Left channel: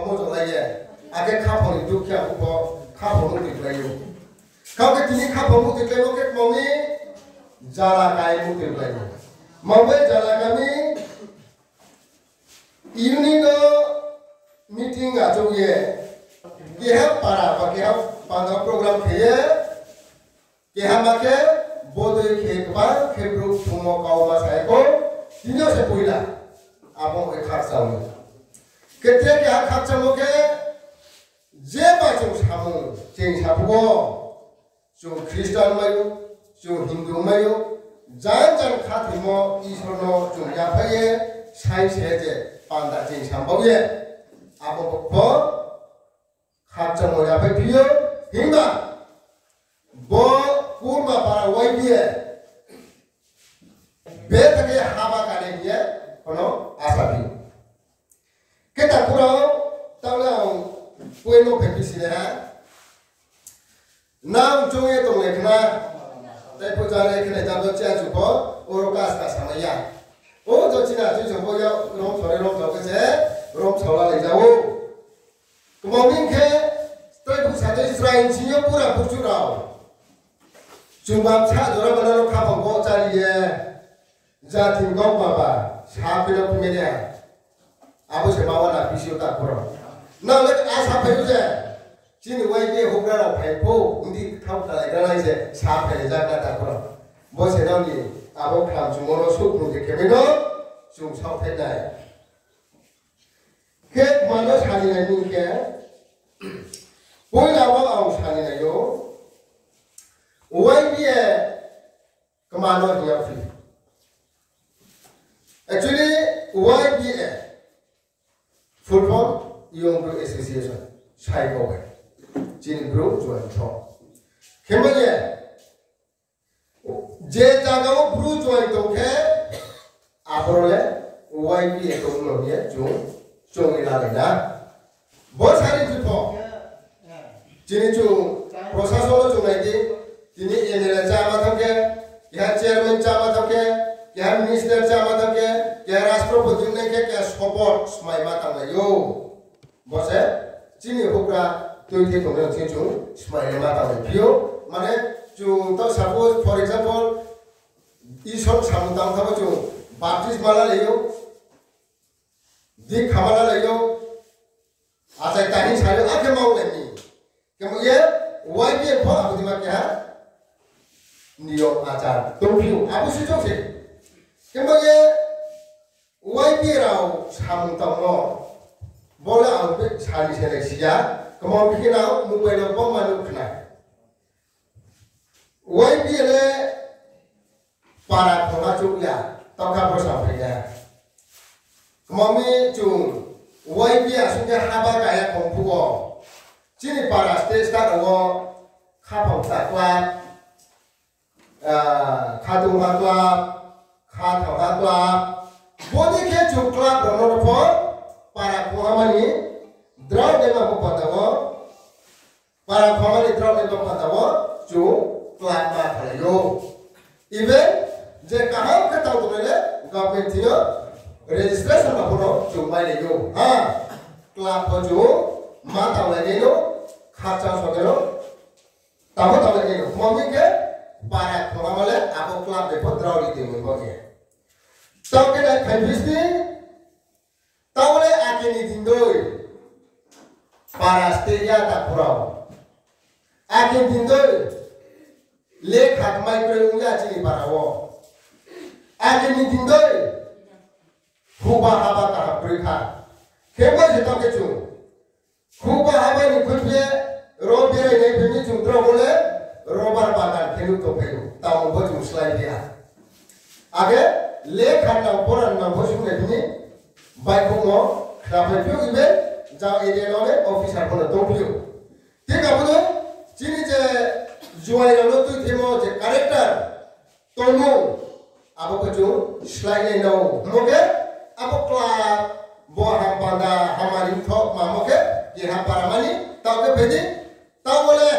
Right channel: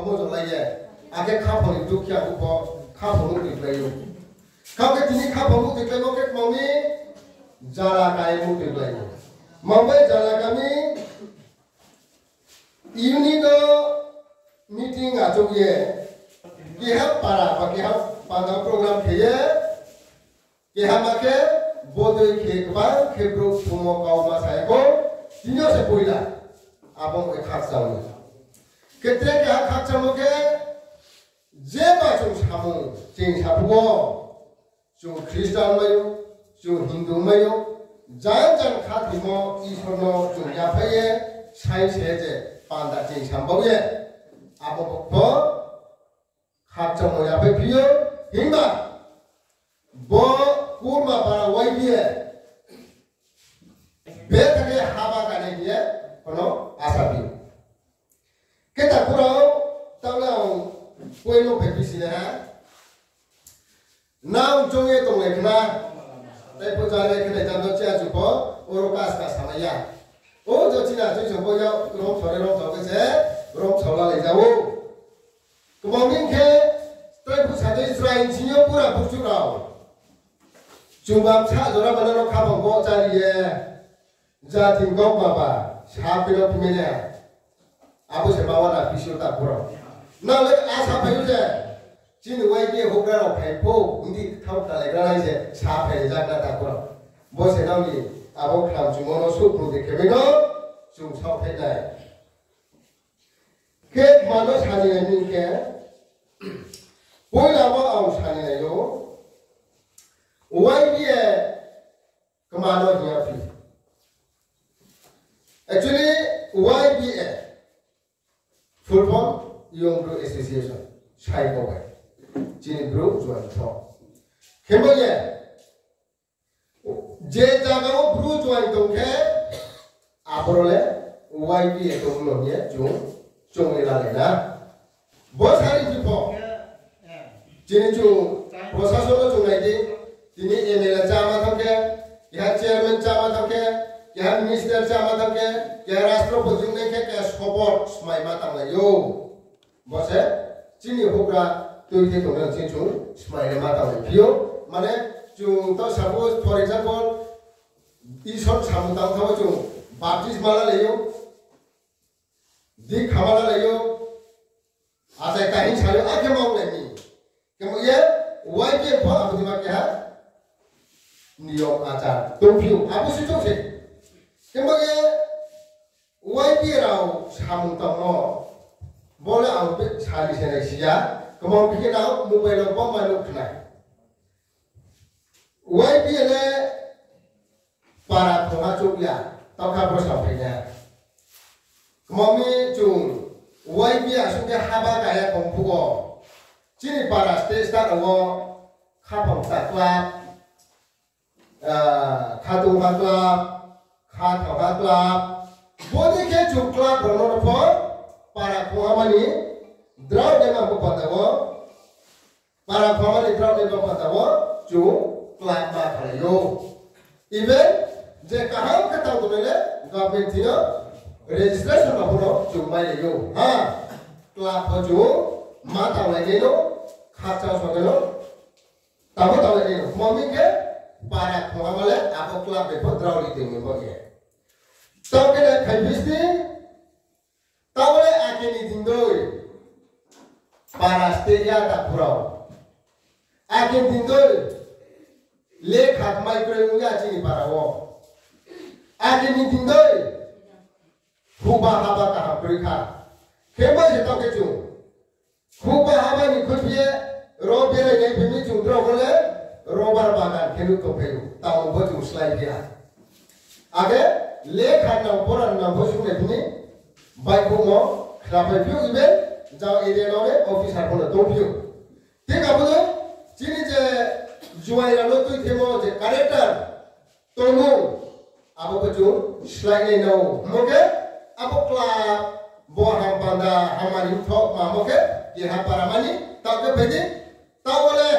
kamu jolai ake kamu itu kia buko kamu tiklei kau ke kini kamu tiklei mau ke mami jala kai mu tiklei mau jala kami ini do meeting aja dia para pakai pada program kia make bodoh kia grup semua kaum saya ko ini sepuila abang ikhlas sama ketika ikhlas sama ke jeba jung samu jeng sabuo jung Kristen mayu jung Hindu mayu jangan katimo isono jung yapaye sai seje panda jeng samboye abang bo ikhlas sama yapaye bio hingga bo kurma para waibiye beta ke haba kane dia kono asabi kita kurang tahu pueno pekisi leha now jonge tong lekna tai pujale kene jando cha jupo orokas ka samaya o jo china ji jombo ya rom thore rom to ke rom thola le jawo kmomin ke tai pusade Israel jinyo pura burjurao Jumlah cak jora benar kapal bawa cari ye, jadi kau apa? Siapa yang punya? Aku sebawa nak pisau tak kurang. Nah, lek asap itu je. Jadi wajib hukar apa pun, undi kau tak lagi je. Siapa yang jaga tak kurang. Bos sedang ni, aku kelam cuma nusuk undi kemana? Cuma siapa yang ke mana cari ni ke? Boleh apa awak cari ni yo? Why be commando here free? Actually, why be full form Young Group Association? Shai Kowe, Jin Group join from. Kemanya, je jaga group join tongke, aporole why be ekonominya jung ilalena. Bos hari tu po, jin jung proses lo jung lagi. Ini email jama thamke, ya chairman jama thamke, ya minister jama thamke, ya राष्ट्रपति ने क्या support smai mata में यो, बस है, चीनी होगा तो ये तो मैं चीज़ smai mata में पियो, माने जो तो suppose for example, इस सब सामुदाम था वो जो baptism वाला ले यो, दिख हमारा ले यो, आते कहीं सारे आके मांग लेनी, क्यों ये why ये बहुत आप दिमाग क्या है? Niyok acar, tumpio, aku sih cok sih. Kemudian, wajib rau samung tamu, boleh ambil cari seleksi ya. Kemudian bikin rau mobile apa mana kena. Wajib le para pengacuk ya, tak kau sampainya. Kemudian cung, wajib sudah haba kaya komputer. Jadi para stage tak awak kapal tak kelap. Kadu maklab, kata maklab, boleh ke cuklab berono pun para pengamani draw dengan bupatawo, para pengamani draw dengan bupatawo, cuklab maklayo. Even jika hal ketahu tu le, government dia registration apa cuma leyo, klab baju, mata lagi lo, kaca soalnya, tahu lagi lo, mungkin ke para pengamal aku kelab bepodrau di tinggi bagai. Tahu kena konfisi, tahu le akhir ni dindoi para setia tak purau. Akhir dindoi le hak micronya cini para wo. Akhir ni dindoi hubah haba kahap berikha. Kebal jatuh kecu. Hubah haba ni kunciye robiar ni pemi cungkro boleh. Robar bagan kelu to pelu tahu baju slide dia. Agar lekhan na poran na baju ni ni baik bungo kenapa piu ibe jauh ide lore officer pun to piu. Tiga puluh cini je jual lalu tu temo je karakter tonu apa baju slide ni nau. Mungkin apa kelas buah hampanda hamari thok ma mungkin dia hampara mani tahu ke bedi tahu boleh.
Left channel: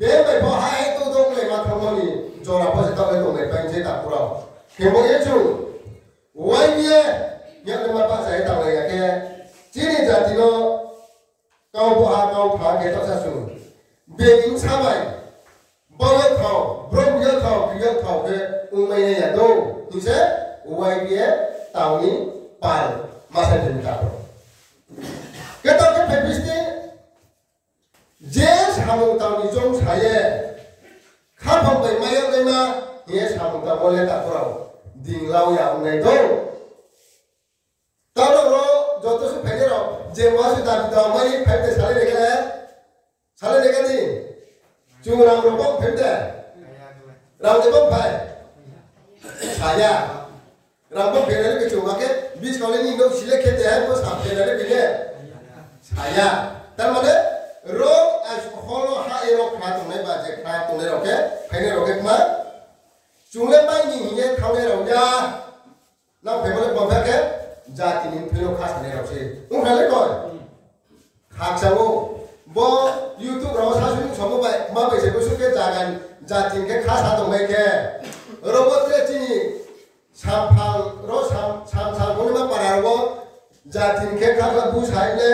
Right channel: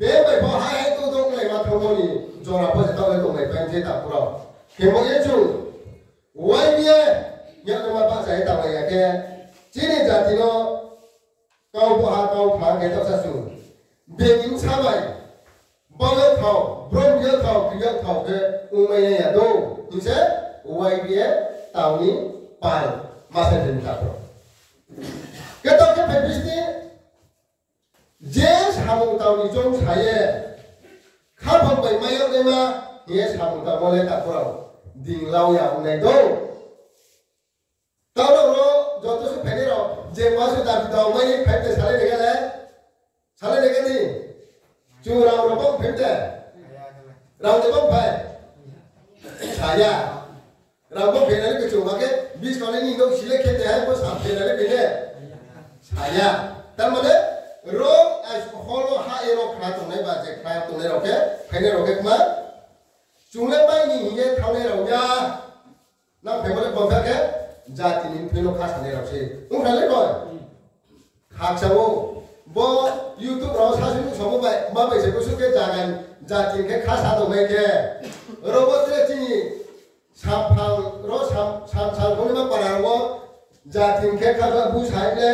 Bebe bahaya itu dong le matromoni jora apa sih tahu itu le pengen tak pura. Kemudian tu, wajib yang lima pak saya tak bayar ke. Cini jadi lo kau buah kau phá cái tóc sa sù bề những sao vậy bao nhiêu khẩu brom nhiêu khẩu cái umay này là đâu tu sẽ uay bia tàu ní bàn mà sẽ đến cả rồi cái tóc cái phải biết đi dễ sao tàu ní trong sai khá phong bề mai ở đây mà dễ sao tàu mới đặt vào đình lao yang này đâu tàu đâu rồi जो तो से पहले रहो जे वहाँ से दाबी दो मैं फाइव दे साले लेकर दी जो राम रोबों फाइव दे राम रोबों फाइव छाया राम रोबों फेरने के चुमा के बीच कॉलोनी लोग सिले खेते हैं वो साफ फेरने के लिए छाया तब मैंने रो आज होलो हा एरो खा तुमने बाजे खा तुमने रोके फेरने रोके कुमा चुले में नहीं ये थाने रोया ना फेमले बंफर के जाति नीम फेलो खास नहीं रोसे उन्हें कौन खाक सबो वो YouTube राव सासुन सबो बाय माँ बैसे को सुके जागन जाति के खास हाथों में के रोबोट के चीनी साफाल रो साल कोने में पड़ा वो जाति के खास बुझाई ले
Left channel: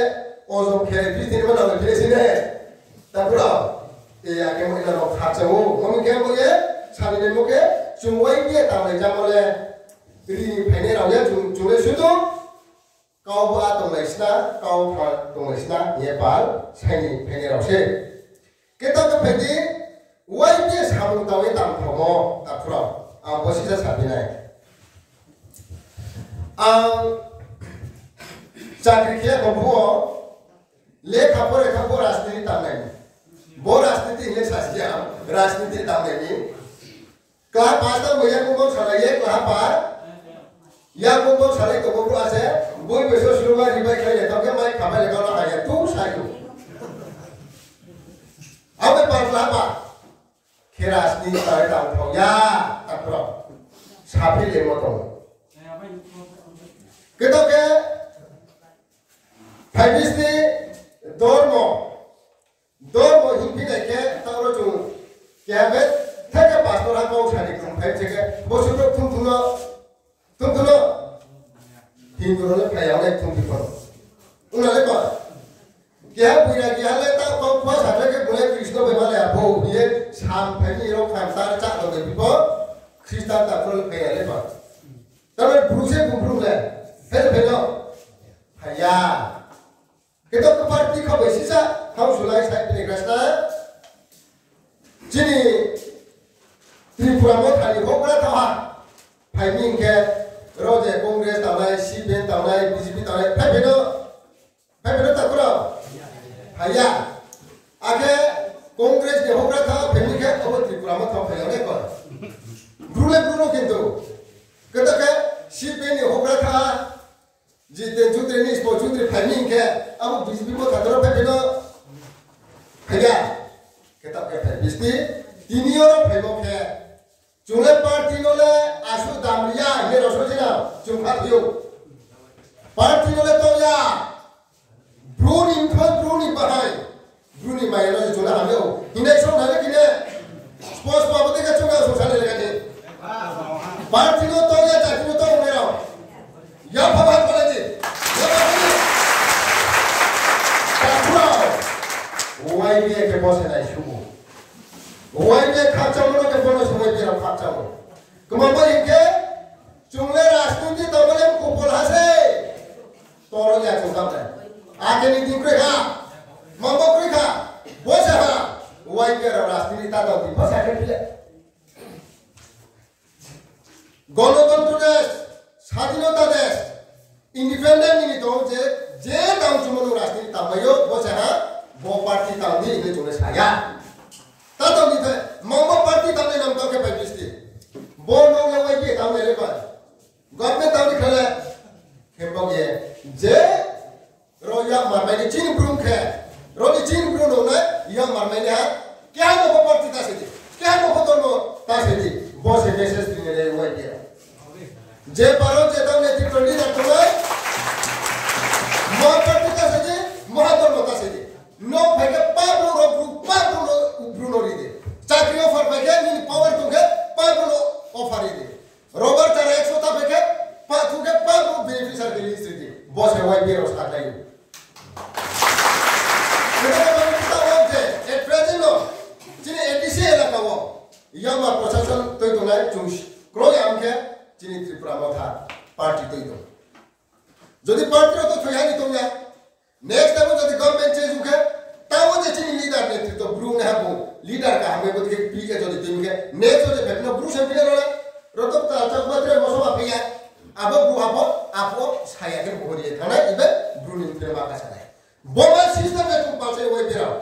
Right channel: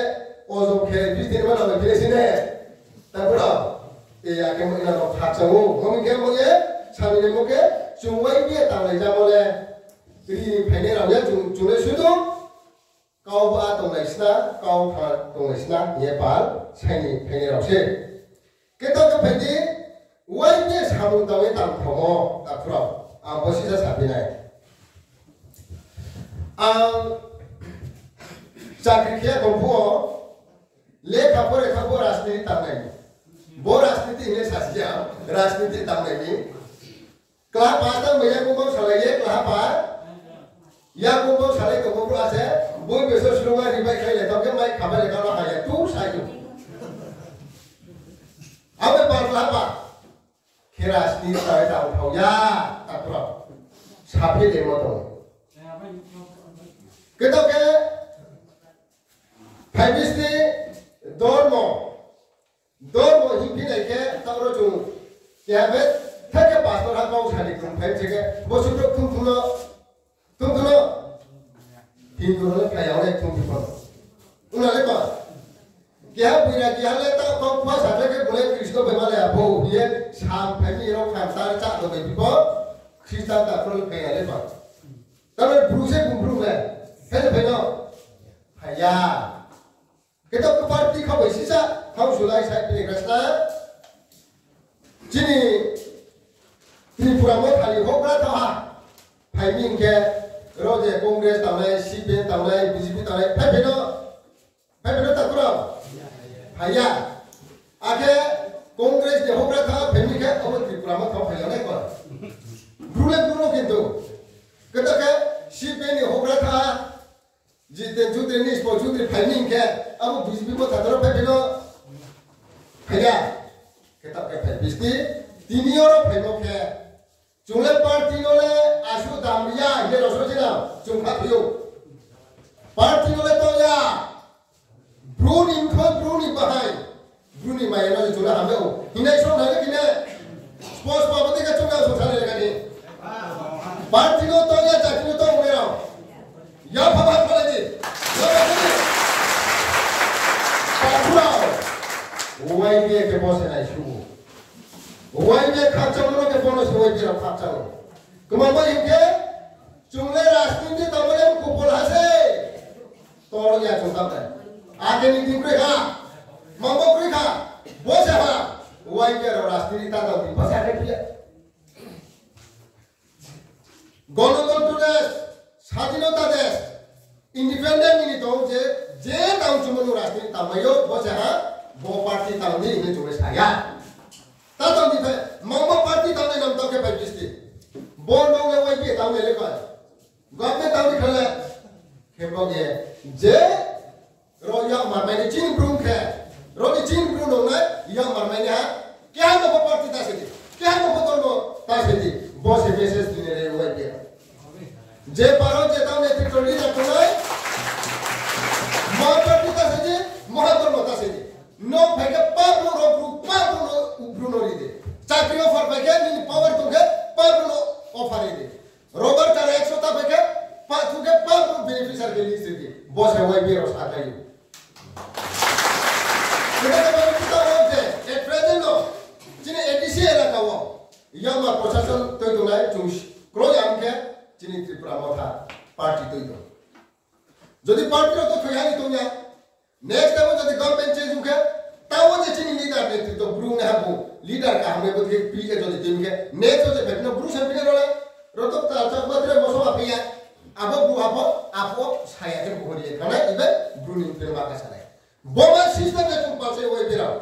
ओजो के बीच में ना लगे सिने तब रो ये आगे में ना खाक सबो हम क्या बोले सामने में मुके चुंवाई के ताले जामले ini pene rauya jule sudu kau ba tong laisna kau pha tong laisna ye pal saini pene rause kita ke pene wai ne samu tawe tam thomo ta pro a posisa sabinai chakri ke kompo le kapore kapor rajniti tamnai bo rajniti ile sasya rajniti tamnai ni kla pasta meya kumbang salaye kla pa या कुंभों साले तो कुंभों आसे बोई पैसों शुरू में रिबाई खाई लेता क्या मैं खाने लगा ना है तू साइको अब मैं बात लापा खेरास की तरह टाउन हो या अप्रो साफी ले मतो कितो के फाइविस ने दोर्मो हिंदी लेके तारो जो क्या है थे के पास तो रखा हूँ सारी कुंभ फाइव जगह वो शुरू तुम दोनों हिंदू लोग क्या यार तुम भी करो उन्होंने कहा क्या बुरा क्या लेता कौन पास आते के बोले कृष्ण बेमाले आपो ये शाम फैमिली लोग खानसार चाट लोग भी को क्रिस्तान ताकरों लोग क्या लेता तब मैं ब्रूसे ले फिर ना हया कितो को पार्टी को बेसिसा हम जुलाई साइड पे निकलना जिनी त्रिपुरा में खाली हो गया था फाइमिंग के रोजे कांग्रेस तावनाय सीपीएम तावनाय बीजेपी तावनाय फाइबेनो ताकरो हाया आगे कांग्रेस ने होग्रा था फैमिली के अब त्रिपुरा में था फैलाने को ब्रूनो किंतु कदा के सीपीएम ने होग्रा था जिते जुते नि स्पो जुते फाइमिंग के अब बीजेपी को ताकरो फाइबेनो हाया केता के फाइबिस्ती तीनियोरो फैमो के चुले पार्टी लोले आशु दामलिया ये रसोजिना चुंखा थियो पार्टी लोले तो या ब्रूनी बहाई ब्रूनी मायना जो चुला हमें हो हिंदाई सो नाले किने स्पोर्ट्स बाबते का चुंगा सोसाले लगा दी पार्टी लो तो या जाति लो तो उड़े रहो या फवाद बोले जी पार्टुरा वाई भी एक बॉस है ना इशू वाई में खाचा लोग के बोनस हुए भी हम खाचा लोग कमांबो इनके चुंगले राष्ट्रीय तबले को बोला से तोरो या चुंगा में आगे नहीं दिन करेगा मांबो करेगा वो से हाँ वाई के राष्ट्रीय तादा भी बस आगे किया गणतंत्र देश स्वाधीनता देश इंडिपेंडेंट नहीं तो जे ताऊ चुमनु राष्ट्रीय तबयो वो से हाँ वो पार्टी ताऊ दी इन्हें चुने साया तातो नहीं थे मांगो पार्टी ताऊ नाम ताऊ के पैकिस्ती बोल लोग ले वही ताऊ ले लेकर गवर्नमेंट ताऊ निकले खेपों ये जे रोया मरमाइने चीन ब्रूम के रोनी चीन ब्रूम होना यह मरमाइने है क्या है वो पार्टी तासे दी क्या है वो दोनों तासे दी बहुत से मैसेज दिने ले वही किया जे पारो जे ताऊ ने तिकड़ी रखना है मां पार्टी तासे दी महादोनों तासे दी नो भाई पाब्लो ब्रूनो री दे चाकरी ऑफर पे के नहीं पावर तुगे पाब्लो ऑफर री दे रोबर तारे 100 ता पे के तुगे पाब्लो बेनिफिशियल के लिस्ट दी बॉस है वाई भी रोस आता है bukan habu leader kah hame buat ke pilih jadi tim ke next jadi betul buru sampai orang rotok tak tak buat dia masuk apa ya apa buru apa saya kan bukan dia karena ibu buru ni terima kasih saya bomba sistem ke cuma saya wajib berau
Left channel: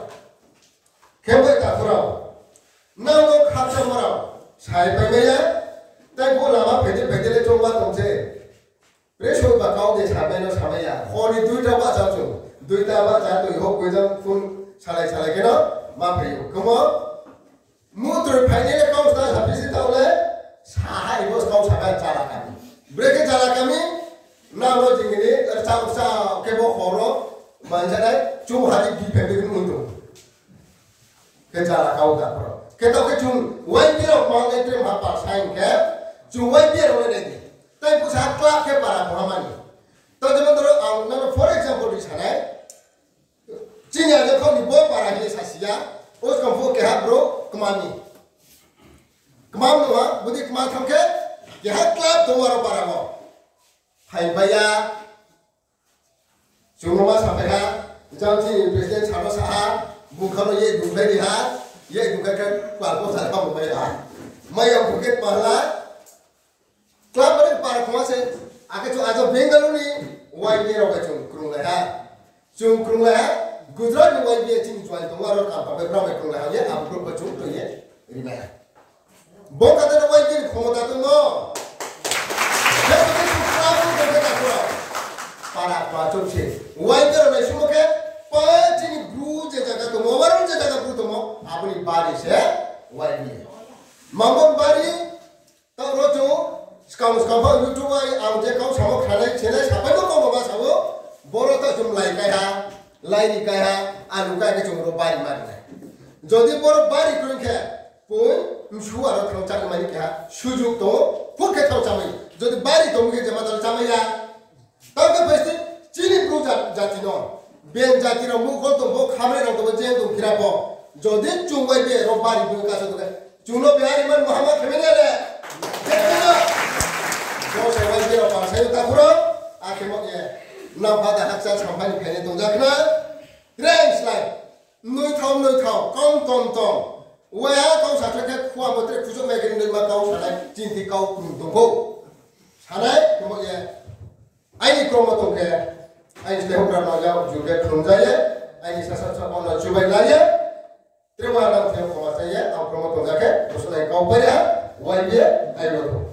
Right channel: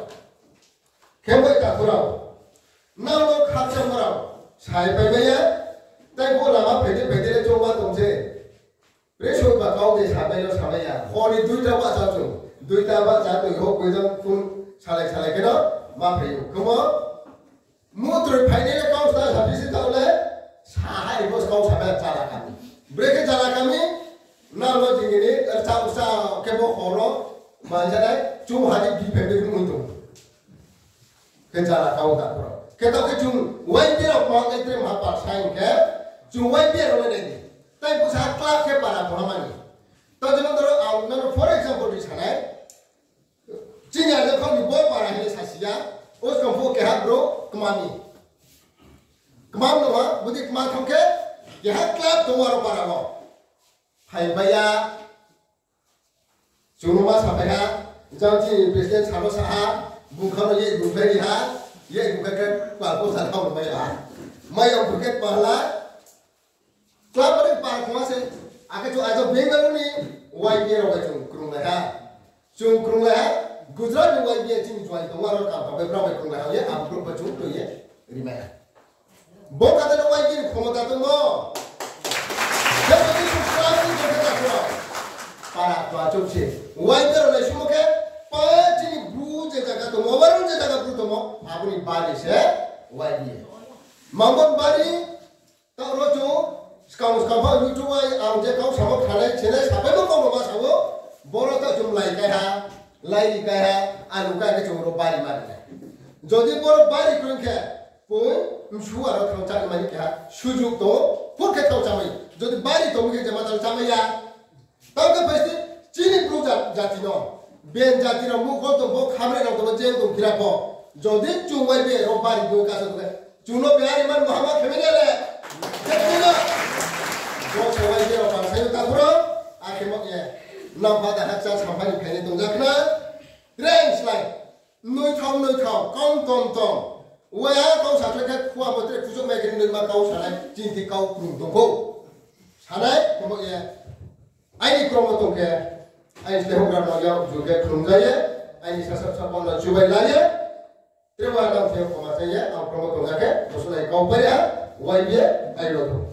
kembali tak berau namun khasa berau saya pergi tapi bukan lama beda cuma tunggu Presho bakau de sampai ya. Honi duita ba jauh. Duita ba jatuh ihok kuidam pun salai kena ma pergi. Kamu muter final kau sudah habis itu oleh sahai bos kau sampai jalan kami. Mereka jalan kami nama jingini tercau kebo horo manjana cuma hari di pendek mundur. Kejalan kau tak bro. Kita kecung wajar mau entry apa sign ke cuma wajar oleh ni. Tapi pusat kelak ke para pengaman. Tahu zaman dulu, nama for example di sana, Cina tu kau ni buat para ini sasia, us kampung ke bro kemami. Kemam nama, budi kemam tham ke kelak tu waru para mo. Hai bayar, cuma sampai ha, jangan presiden calo sah, bukan ye bukan dia, ye bukan kan palko salah mau bayar. Mayang buket malah. Kelab ada para penguasa, akan tu ada Bengal ni, YB orang cung kurung leha, Gujarat ni YB cing jual tu orang kamp, berapa kurung leha ye, apa berapa cung tu ye, rimeh. Bok ada tu YB komota tu mo, jadi tu kelab tu kita tu para pelacur sih, YB orang semua ke, pasti blue jaga tu mo, orang jaga blue tu mo, apa ni baris YB, mampu bari, tak rojo. Sekarang YouTube ay amje kau sama khalai channel sampai kau mama sawo boro tak jumlai kaya lai kaya anu kaya ke cumro bari mari jadi boro bari kring ke pun mshu aro thang chak mani kaya sujuk to pun ke thang chamai jadi bari to muge jama tal chamai ya tau ke pasti chini bru jati no ben jati ro mu ko to bo khamre ro to je to kira po jadi chungwai be ro bari do ka so to chuno biari man muhammad khemene le Kau sewa dia orang saya tak kurang, akhirnya nampak dah haksan sampai di kene tunggu kena, range lain, nui thau, kau tong, wah kau satu kali kuah motor kusuk mereka ni kau sana, cinti kau kurung tunggu, sana kemudian, ini kromo tunggu, ini sekarang orang orang juga kurung jaya, ini sesuatu orang cuba laya, terima kasih kepada saya, aku kromo tunggu ke, maksudnya kau beri, wah dia, ayo.